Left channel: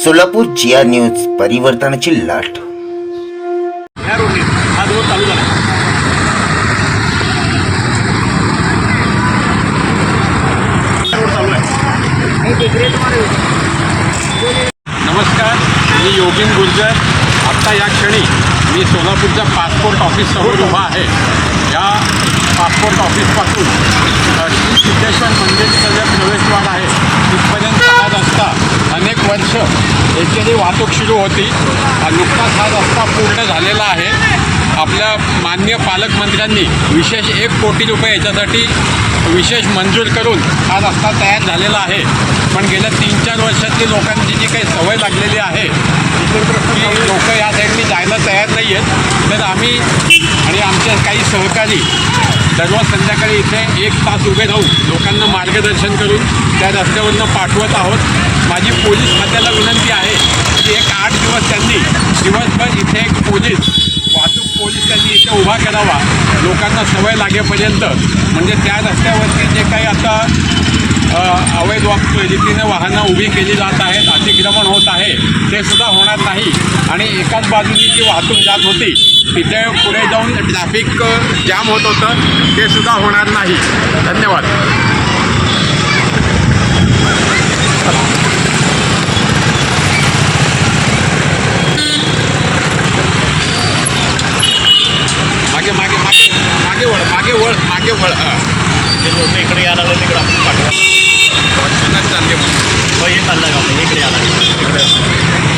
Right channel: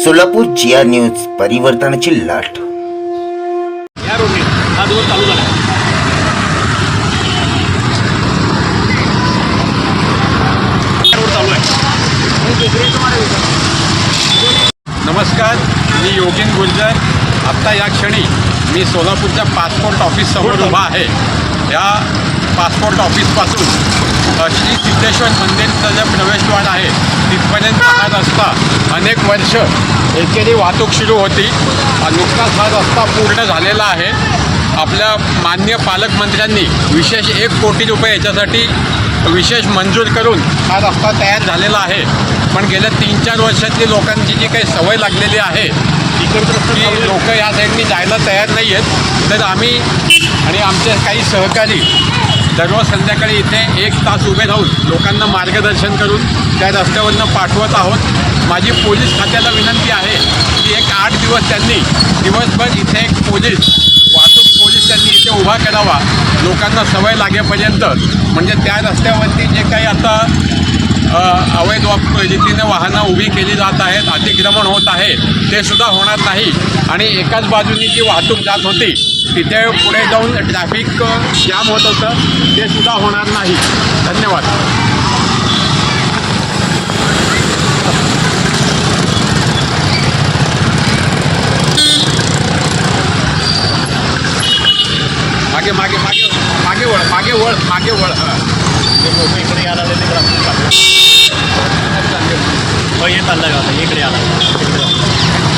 सोलापूर जिया news परिवर्तनाची लाट. या रोडने हा चालू झाला. रोड चालू आहे. नमस्कार मी योगीन गुर्जर. आत्ता या क्षणी मी सोलापूरच्या पासपोर्ट ऑफिस समोर उभा आहे. या पासपोर्ट ऑफिसपासून श्री सिद्धेश्वर मंदिरचा जो प्रवेशद्वार आहे हा रस्ता अनेक वर्ष एकेरी वाहतूक सुरू होती. नुकताच हा रस्ता पूर्ण झालेला आहे. आपल्या मान्य पालकमंत्र्यांनी विशेष एक कोटी रुपये याच्यासाठी विशेष मंजूर करून हा रस्ता तयार झालेला आहे. पण गेल्या तीन चार वर्षातली लोकांची जी काही सवय लागलेली आहे की लोक या साईडनी जायला तयार नाही आहेत तर आम्ही आणि आमचे काही सहकारी दररोज संध्याकाळी इथे एक तास उभे राहून लोकांना मार्गदर्शन करून त्या रस्त्यावरनं पाठवत आहोत. माझी पोलीस खात्याला विनंती आहे की एक आठ दिवस त्यांनी दिवसभर इथे एक पोलीस वाहतूक पोलीस त्यांनी इथे उभा करावा. लोकांना सवय लागेपर्यंत. म्हणजे त्या रस्त्यावरती जे काही आता अवैध रीतीने वाहनं उभी केली जात आहेत अतिक्रमण होत आहे ते सुद्धा होणार नाही. आणि एकाच बाजूनी जी वाहतूक जात होती तिथे पुढे जाऊन ट्रॅफिक जाम होत होतं ते सुद्धा होणार नाही. धन्यवाद. मागे मागे मागे मागे वळ मागे वळ मागे वळ. ते लोक इकडे यायला लागले तिकडे पाठवा. चांगले चाललं का इकडे लागले. इकडे.